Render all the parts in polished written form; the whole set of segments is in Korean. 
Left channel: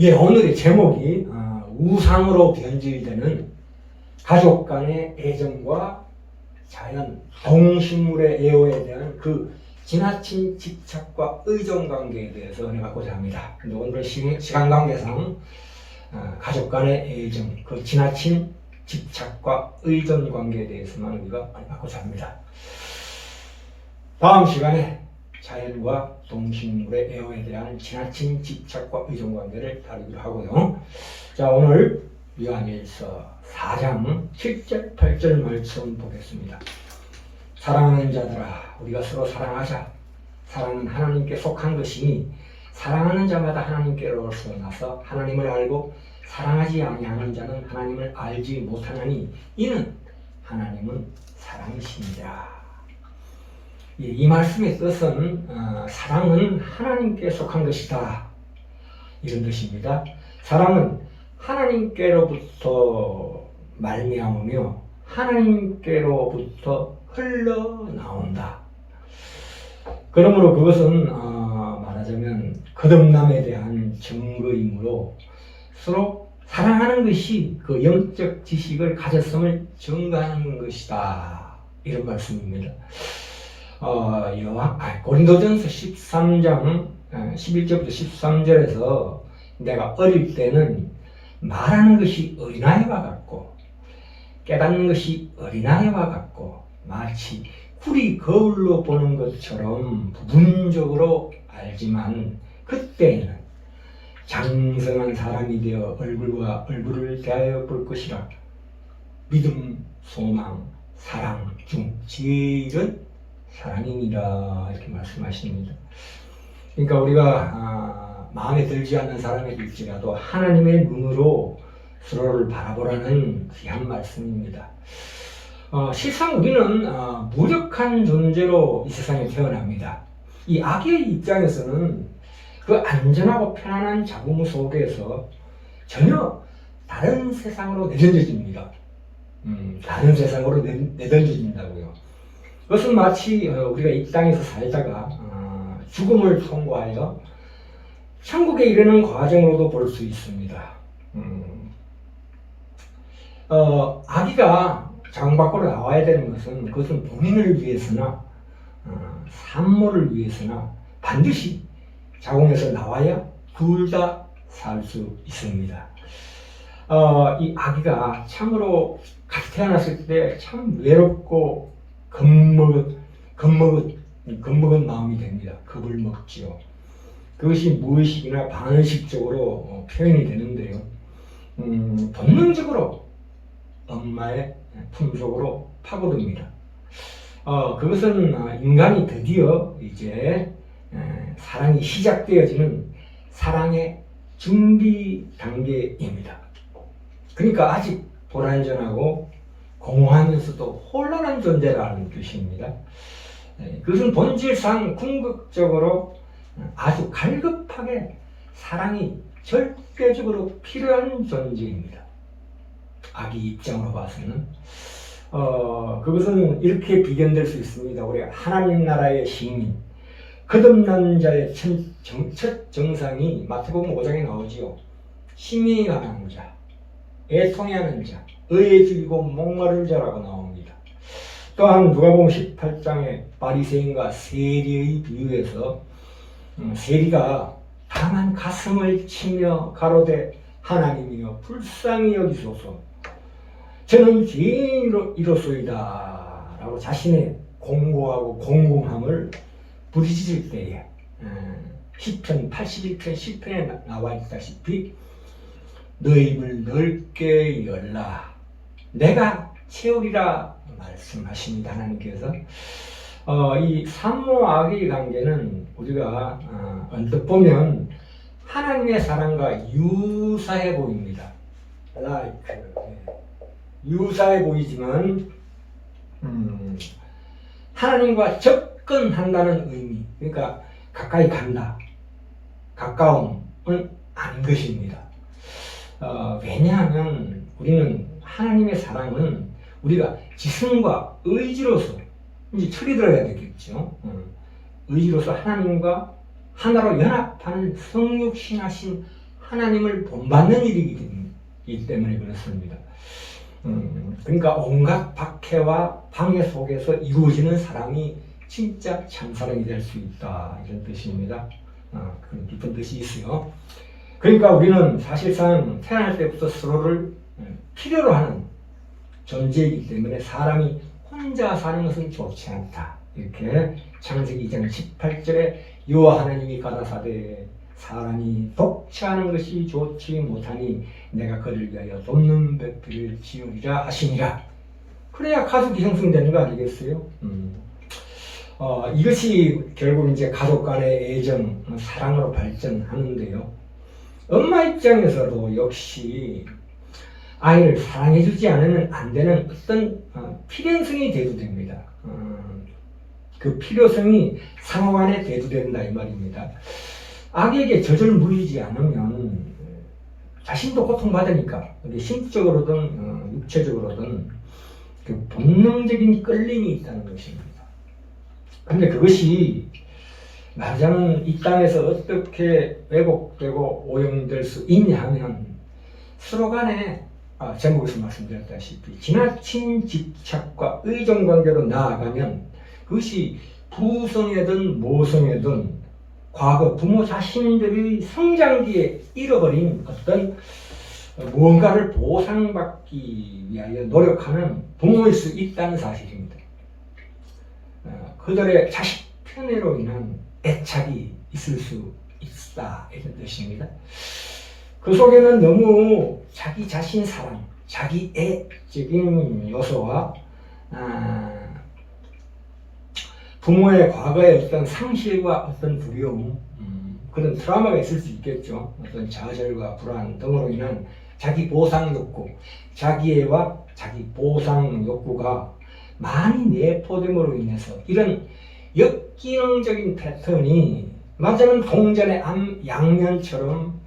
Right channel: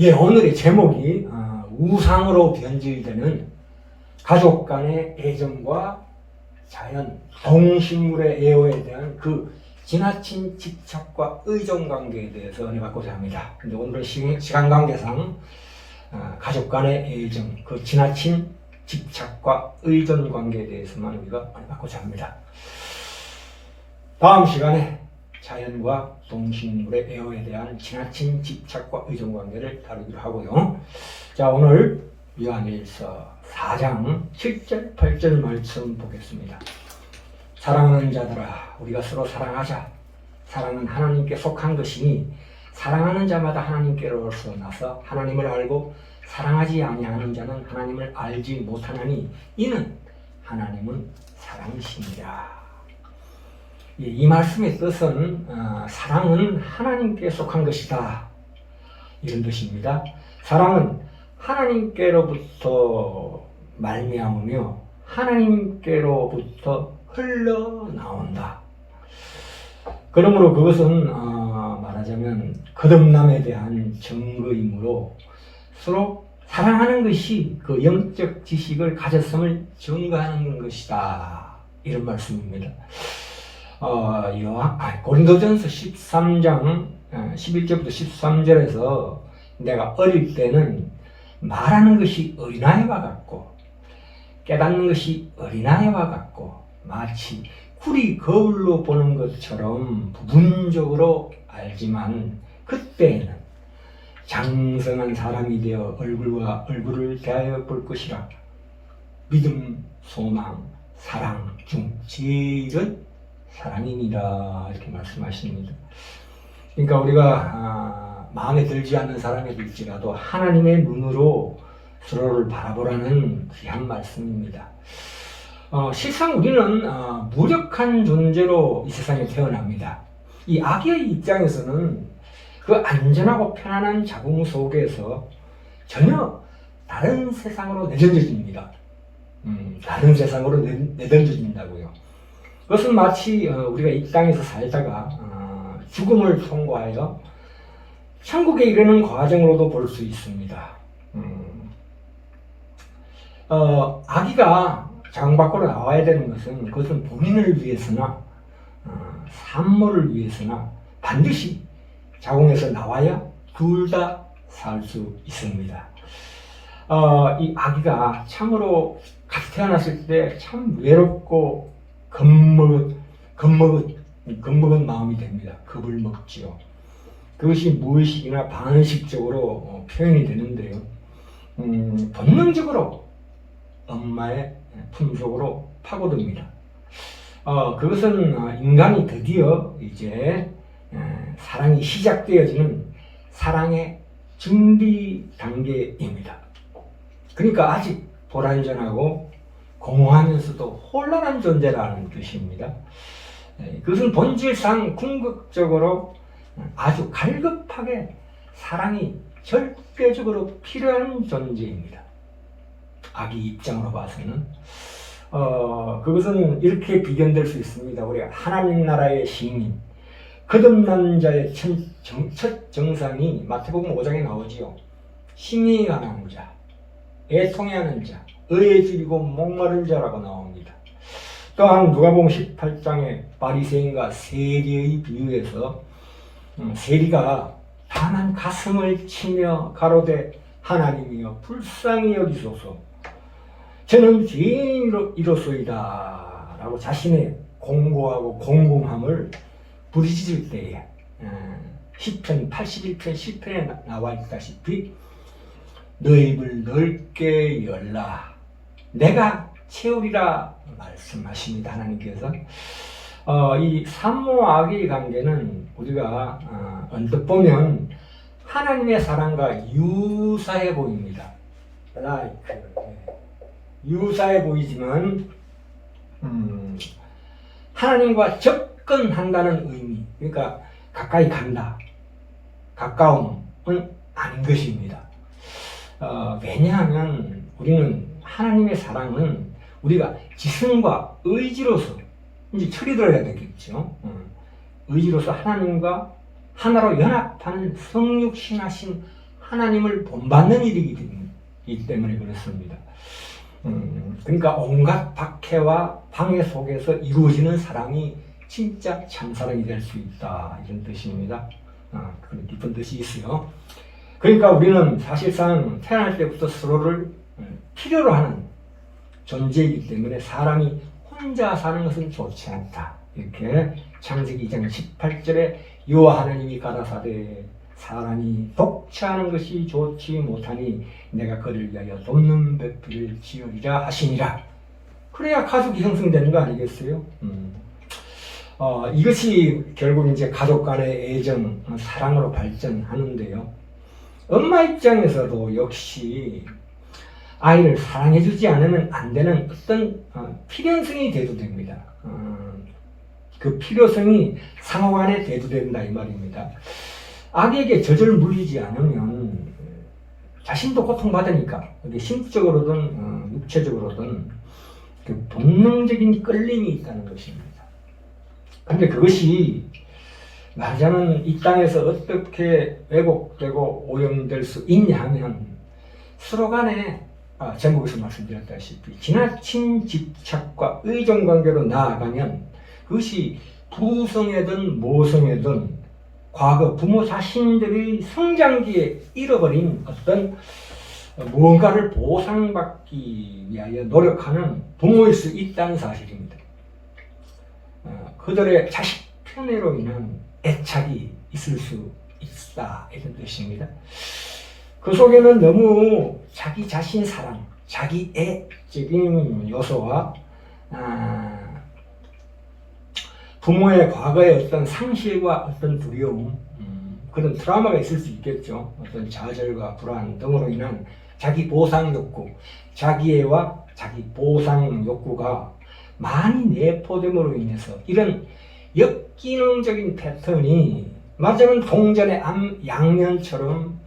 예, 오늘의 제목이 우상으로 변질되는 가족 간의 애정과 자연, 동식물의 애호에 대한 그 지나친 집착과 의존 관계에 대해서 은혜받고자 합니다. 근데 오늘은 시간 관계상 가족 간의 애정, 그 지나친 집착과 의존 관계에 대해서만 우리가 은혜받고자 합니다. 다음 시간에 자연과 동식물의 애호에 대한 지나친 집착과 의존 관계를 다루기로 하고요. 자, 오늘 요한일서 4장 7절 8절 말씀 보겠습니다. 사랑하는 자들아, 우리가 서로 사랑하자. 사랑은 하나님께 속한 것이니 사랑하는 자마다 하나님께로서 나서 하나님을 알고 사랑하지 아니하는 자는 하나님을 알지 못하나니 이는 하나님은 사랑이시니라. 이 말씀의 뜻은 사랑은 하나님께 속한 것이다, 이런 뜻입니다. 사랑은 하나님께로부터 말미암으며 하나님께로부터 흘러나온다. 그러므로 그것은 말하자면 거듭남에 대한 증거이므로 서로 사랑하는 것이 그 영적 지식을 가졌음을 증거하는 것이다, 이런 말씀입니다. 고린도전서 13장 11절부터 13절에서 내가 어릴 때는 말하는 것이 어린아이와 같고 깨닫는 것이 어린아이와 같고 마치 꿀이 거울로 보는 것처럼 부분적으로 알지만 그때에는 장성한 사람이 되어 얼굴과 얼굴을 대하여 볼 것이라. 믿음, 소망, 사랑 중 제일은 사랑이니라, 이렇게 말씀하십니다. 그러니까 우리가 마음에 들지 않는 사람에게일지라도 하나님의 눈으로 서로를 바라보라는 귀한 말씀입니다. 실상 우리는 무력한 존재로 이 세상에 태어납니다. 이 아기의 입장에서는 그 안전하고 편안한 자궁 속에서 전혀 다른 세상으로 내던져집니다. 다른 세상으로 내던져진다고요. 그것은 마치 우리가 이 땅에서 살다가 죽음을 통과하여 천국에 이르는 과정으로도 볼 수 있습니다. 아기가 자궁 밖으로 나와야 되는 것은 그것은 본인을 위해서나 산모를 위해서나 반드시 자궁에서 나와야 둘 다 살 수 있습니다. 이 아기가 참으로 같이 태어났을 때 참 외롭고 겁먹은 마음이 됩니다. 겁을 먹지요. 그것이 무의식이나 반의식적으로 표현이 되는데요. 본능적으로 엄마의 품속으로 파고듭니다. 그것은 인간이 드디어 이제 사랑이 시작되어지는 사랑의 준비 단계입니다. 그러니까 아직 불완전하고 공허하면서도 혼란한 존재라는 뜻입니다. 그것은 본질상 궁극적으로 아주 갈급하게 사랑이 절대적으로 필요한 존재입니다. 아기 입장으로 봐서는 그것은 이렇게 비견될 수 있습니다. 우리가 하나님 나라의 시민, 거듭난 자의 첫 정상이 마태복음 5장에 나오지요. 힘이 강한 자, 애통해하는 자, 의에 줄이고 목마른 자라고 나옵니다. 또한 누가복음 18장에 바리새인과 세리의 비유에서 세리가 다만 가슴을 치며 가로되 하나님이여 불쌍히 여기소서, 저는 죄인이로소이다 라고 자신의 공고하고 공공함을 부르짖을 때에 시편 81편 10편에 나와 있다시피 너의 입을 넓게 열라 내가 채우리라 말씀하십니다. 하나님께서 이 산모 아기의 관계는 우리가 언뜻 보면 하나님의 사랑과 유사해 보입니다. 유사해 보이지만 하나님과 접근한다는 의미, 그러니까 가까이 간다, 가까움은 아닌 것입니다. 왜냐하면 우리는 하나님의 사랑은 우리가 지성과 의지로서 이제 철이 들어야 되겠죠. 의지로서 하나님과 하나로 연합하는 성육신하신 하나님을 본받는 일이기 때문에 그렇습니다. 그러니까 온갖 박해와 방해 속에서 이루어지는 사랑이 진짜 참사랑이 될 수 있다, 이런 뜻입니다. 그런 깊은 뜻이 있어요. 그러니까 우리는 사실상 태어날 때부터 서로를 필요로 하는 존재이기 때문에 사람이 혼자 사는 것은 좋지 않다. 이렇게 창세기 2장 18절에 여호와 하나님이 가라사대 사람이 독처하는 것이 좋지 못하니 내가 그를 위하여 돕는 배필을 지으리라 하시니라. 그래야 가족이 형성되는 거 아니겠어요? 이것이 결국 이제 가족 간의 애정, 사랑으로 발전하는데요. 엄마 입장에서도 역시 아이를 사랑해주지 않으면 안 되는 어떤 필연성이 대두됩니다. 그 필요성이 상호 간에 대두된다, 이 말입니다. 아기에게 젖을 물리지 않으면 자신도 고통받으니까, 심적으로든 육체적으로든 그 본능적인 끌림이 있다는 것입니다. 근데 그것이 말하자면 이 땅에서 어떻게 왜곡되고 오염될 수 있냐 하면 서로 간에 제목에서 말씀드렸다시피 지나친 집착과 의존관계로 나아가면 그것이 부성애든 모성애든 과거 부모 자신들의 성장기에 잃어버린 어떤 무언가를 보상받기 위하여 노력하는 부모일 수 있다는 사실입니다. 그들의 자식 편애로 인한 애착이 있을 수 있다, 이런 뜻입니다. 그 속에는 너무 자기 자신 사랑, 자기 애적인 요소와 부모의 과거의 어떤 상실과 어떤 두려움, 그런 트라우마가 있을 수 있겠죠. 어떤 좌절과 불안 등으로 인한 자기 보상 욕구, 자기애와 자기 보상 욕구가 많이 내포됨으로 인해서 이런 역기능적인 패턴이 말하자면 동전의 양면처럼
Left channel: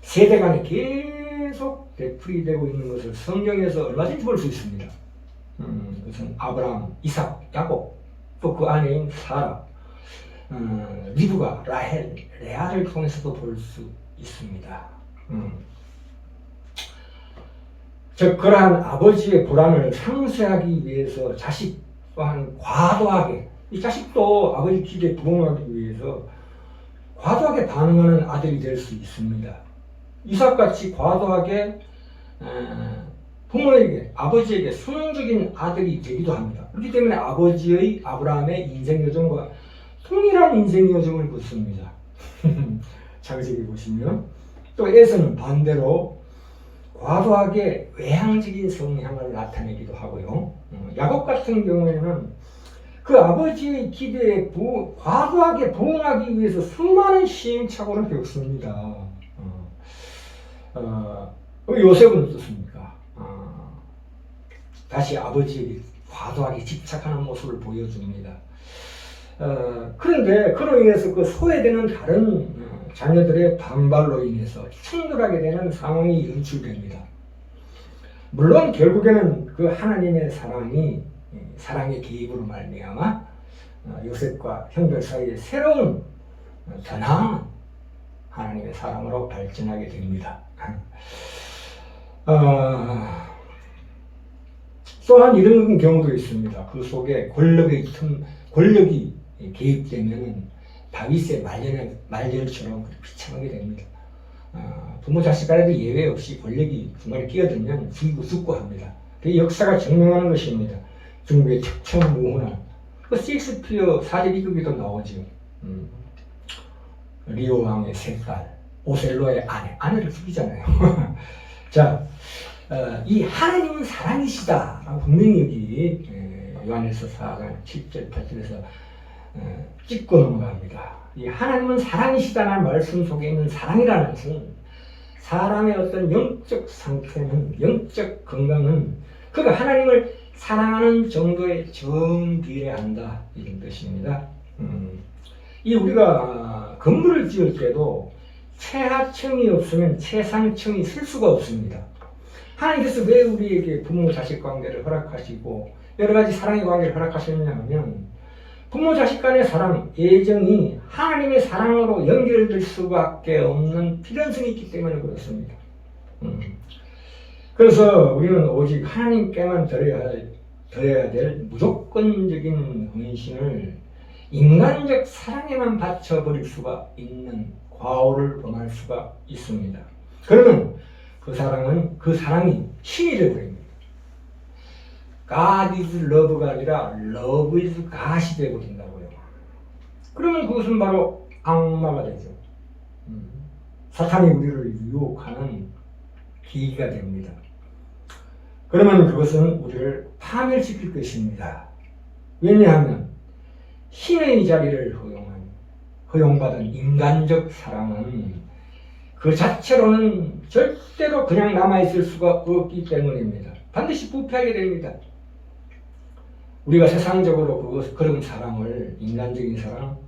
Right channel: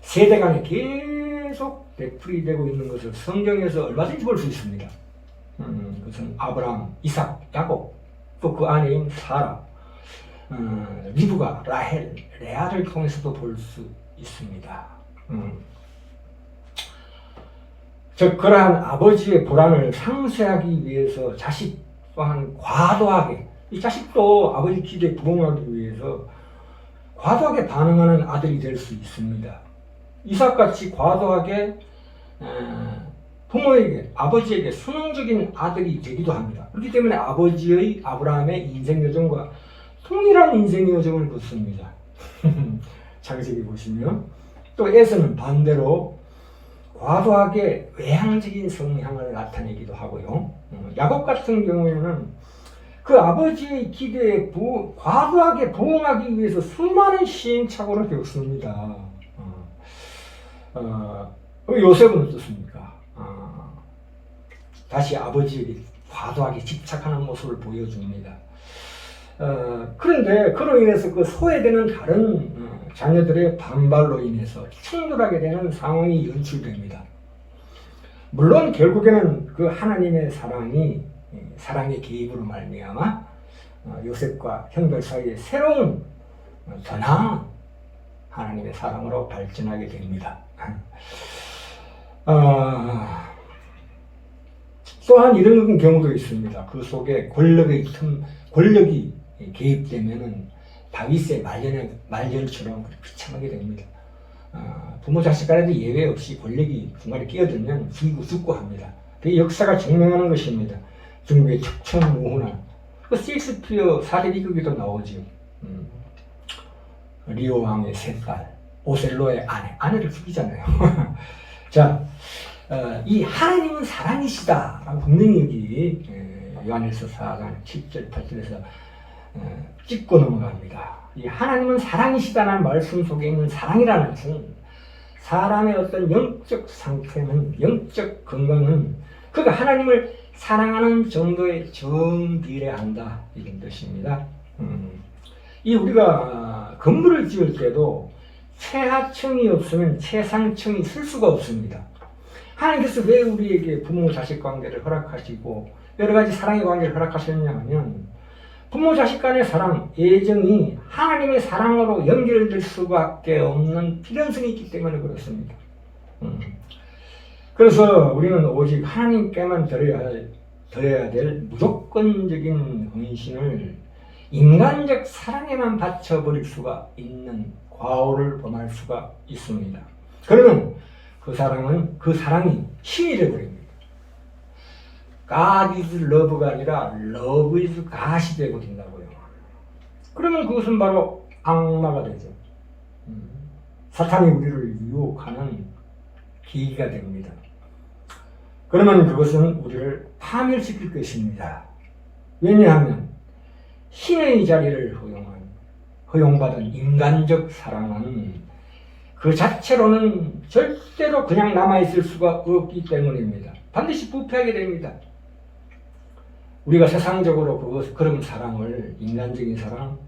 세대 간에 계속 되풀이되고 있는 것을 성경에서 얼마든지 볼 수 있습니다. 그것은 아브라함, 이삭, 야곱, 또 그 아내인 사라, 리브가, 라헬, 레아를 통해서도 볼 수 있습니다. 즉 그러한 아버지의 불안을 상쇄하기 위해서 자식 또한 과도하게, 이 자식도 아버지 기대에 부응하기 위해서 과도하게 반응하는 아들이 될 수 있습니다. 이삭같이 과도하게 부모에게, 아버지에게 순응적인 아들이 되기도 합니다. 그렇기 때문에 아버지의 아브라함의 인생 여정과 동일한 인생 여정을 걷습니다. 창세기 보시면 또 에서는 반대로 과도하게 외향적인 성향을 나타내기도 하고요. 야곱 같은 경우에는 그 아버지의 기대에 과도하게 부응하기 위해서 수많은 시행착오를 겪습니다. 요셉은 어떻습니까? 다시 아버지에게 과도하게 집착하는 모습을 보여줍니다. 그런데 그로 인해서 그 소외되는 다른 자녀들의 반발로 인해서 충돌하게 되는 상황이 연출됩니다. 물론 결국에는 그 하나님의 사랑의 개입으로 말미암아 요셉과 형들 사이에 새로운 더 나은 하나님의 사랑으로 발전하게 됩니다. 또한 이런 경우도 있습니다. 그 속에 권력이 개입되면은 다윗의 말년처럼 비참하게 됩니다. 부모 자식 간에도 예외 없이 권력이 중간에 끼어들면 죽고 합니다. 그 역사가 증명하는 것입니다. 중국의 척천무훈한 그 셰익스피어 사제비극에도 나오죠. 리오 왕의 세 딸, 오셀로의 아내를 죽이잖아요. 자, 이 하나님은 사랑이시다 분명히 여기 요한일서 4장 7절 8절에서 짚고 넘어갑니다. 이 하나님은 사랑이시다는 말씀 속에 있는 사랑이라는 것은 사람의 어떤 영적 상태는, 영적 건강은 그가 하나님을 사랑하는 정도에 정비례한다, 이런 뜻입니다. 이 우리가 건물을 지을 때도 최하층이 없으면 최상층이 쓸 수가 없습니다. 하나님께서 왜 우리에게 부모 자식 관계를 허락하시고 여러 가지 사랑의 관계를 허락하셨냐 하면 부모 자식 간의 사랑, 애정이 하나님의 사랑으로 연결될 수밖에 없는 필연성이 있기 때문에 그렇습니다. 그래서 우리는 오직 하나님께만 드려야 될 무조건적인 헌신을 인간적 사랑에만 바쳐버릴 수가 있는 과오를 범할 수가 있습니다. 그러면 그 사랑이 힘이 되어버립니다. God is love가 아니라 love is God이 되어버린다고요. 그러면 그것은 바로 악마가 되죠. 사탄이 우리를 유혹하는 계기가 됩니다. 그러면 그것은 우리를 파멸시킬 것입니다. 왜냐하면 신의 자리를 허용받은 인간적 사랑은 그 자체로는 절대로 그냥 남아있을 수가 없기 때문입니다. 반드시 부패하게 됩니다. 우리가 세상적으로 그런 사랑을, 인간적인 사랑,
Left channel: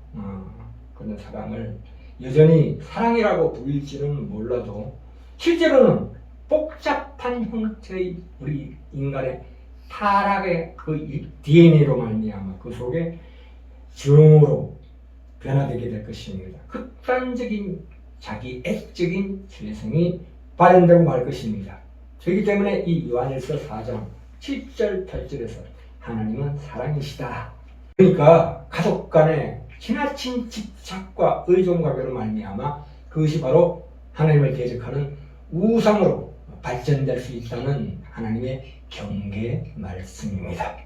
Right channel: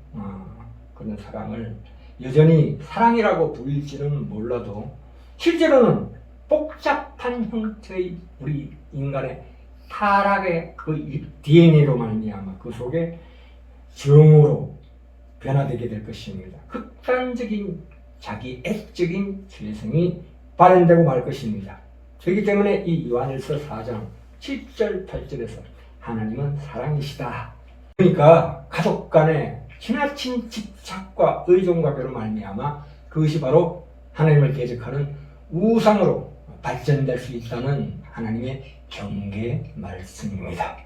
그런 사랑을 여전히 사랑이라고 부릴지는 몰라도 실제로는 복잡한 형태의 우리 인간의 타락의 그 DNA로 말미암아 그 속에 정으로 변화되게 될 것입니다. 극단적인 자기 애적인 죄성이 발현되고 말 것입니다. 그렇기 때문에 이 요한일서 4장 7절 8절에서 하나님은 사랑이시다. 그러니까 가족 간의 지나친 집착과 의존관계로 말미암아 그것이 바로 하나님을 대적하는 우상으로 발전될 수 있다는 하나님의 경계 말씀입니다.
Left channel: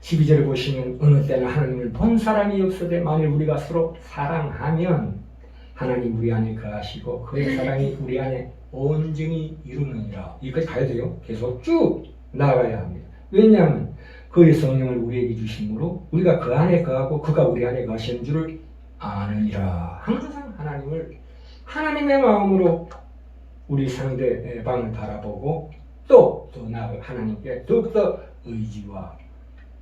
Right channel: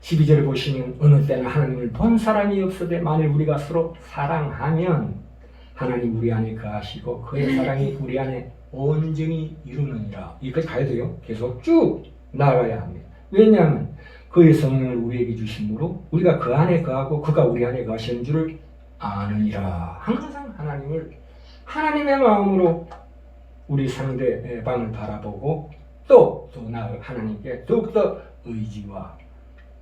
12절을 보시면 어느 때나 하나님을 본 사람이 없으되 만일 우리가 서로 사랑하면 하나님 우리 안에 거하시고 그의 사랑이 우리 안에 온전히 이루느니라. 여기까지 가야 돼요. 계속 쭉 나아가야 합니다. 왜냐하면 그의 성령을 우리에게 주심으로 우리가 그 안에 거하고 그가 우리 안에 거하시는 줄을 아느니라. 항상 하나님의 마음으로 우리 상대방을 바라보고 또 나아가 하나님께 더욱더 의지와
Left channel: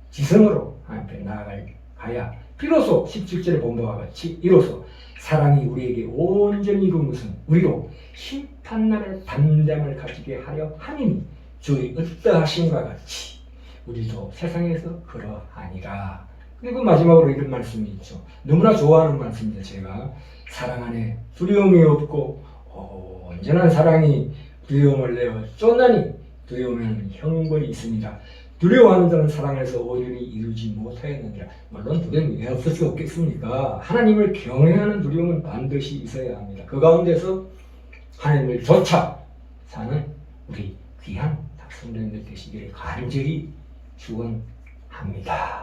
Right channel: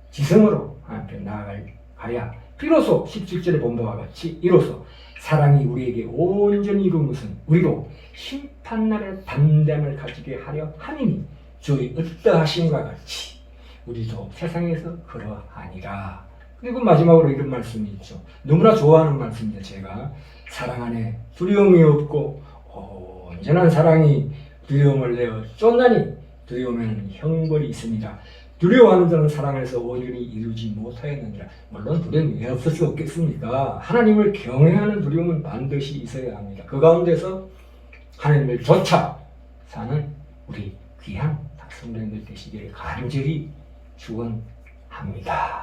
지성으로 하나님께 나아가야 비로소 17절의 본도와 같이 이로써 사랑이 우리에게 온전히 이룬 것은 우리로 심판날의 담대함을 가지게 하려 함이니 주의 어떠하심과 같이 우리도 세상에서 그러하니라. 그리고 마지막으로 이런 말씀이 있죠. 너무나 좋아하는 말씀입니다. 제가 사랑 안에 두려움이 없고 온전한 사랑이 두려움을 내어 쫓나니 두려움에는 형벌이 있습니다. 두려워하는 자는 사랑에서 온전히 이루지 못하였느니라. 물론 두려움이 왜 없을 수 없겠습니까? 하나님을 경외하는 두려움은 반드시 있어야 합니다. 그 가운데서 하나님을 쫓아 사는 우리 귀한 성도님들 되시기를 간절히 축원합니다.